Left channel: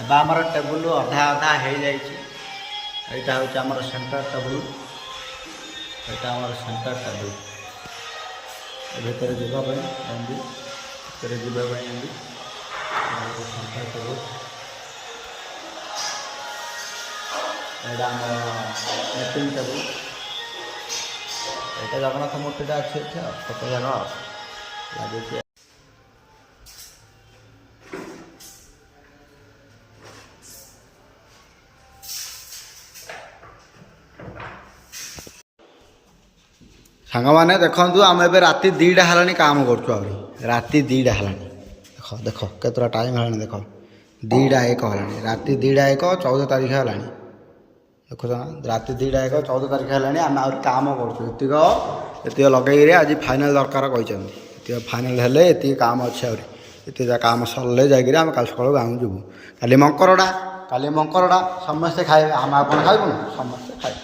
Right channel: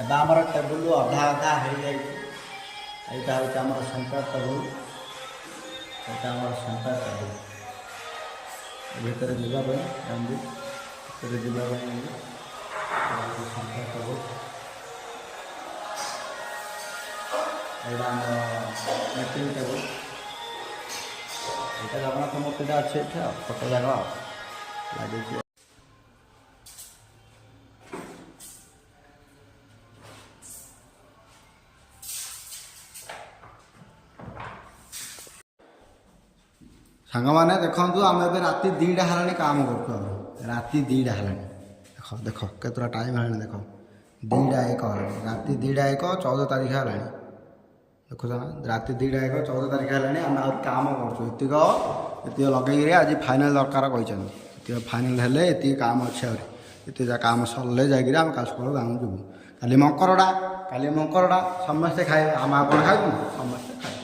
एबा आमर टेबुल अधा अधा हो जाइए। यहाँ हूँ आमर सेंटर टेबुल, यहाँ आमर सेंटर टेबुल भितर जावाई एमती भितर जावाई एमती सेंटर टेबुल। यहाँ आम मीटिंग टेबुल, यहाँ जगन्नाथ मूर्तिटा अच्छे फोटो जगह लगे। सांग मैंने देखु आम ए राति 2टा है काम करूँ राति 2टा है देख देख केतरा टाइम है देख 2:01 है राति 2:01 14 तारीख है देखुच ना राति 2:01 14 तारीख है आम आ काम करुक लगे आज फाइनाल दरकार कहते फाइनाल हेले ये काम अच्छे ये काम सरले जाकर आम कल सका गाँव जीवु काली मंकरटा समस्ते खाए आम आप खाइबुन समस्ते खाए